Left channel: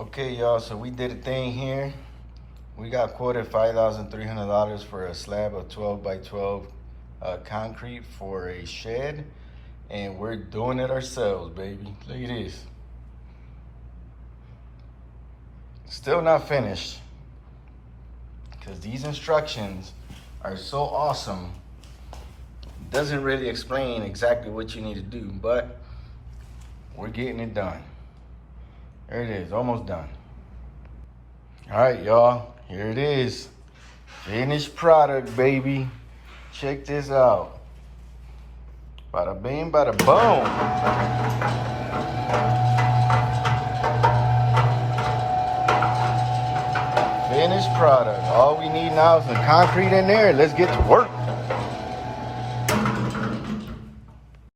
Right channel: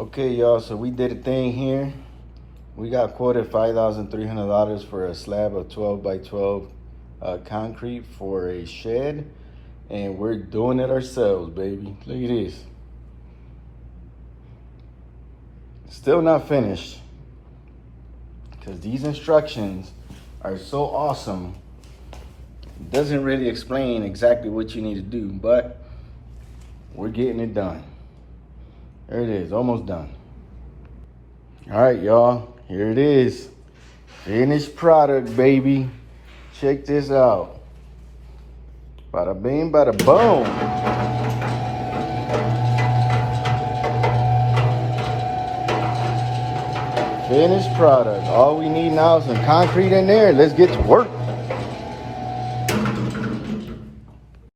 Okay, y'all, so we did a thing here. We got quoted $5,300 for a slab of 12 by 12 concrete for a shed, and we're doing it ourselves, baby. Look at this. Still not finished, because these instructions are so awesome. It doesn't really explain exactly what you need to do, but we're getting it done. There it is, almost done. All right, y'all, here it is. Finished product, baby. Check this out. Bada bing, bada boom. Finished product. All we need now is some concrete in there. Let's get to work.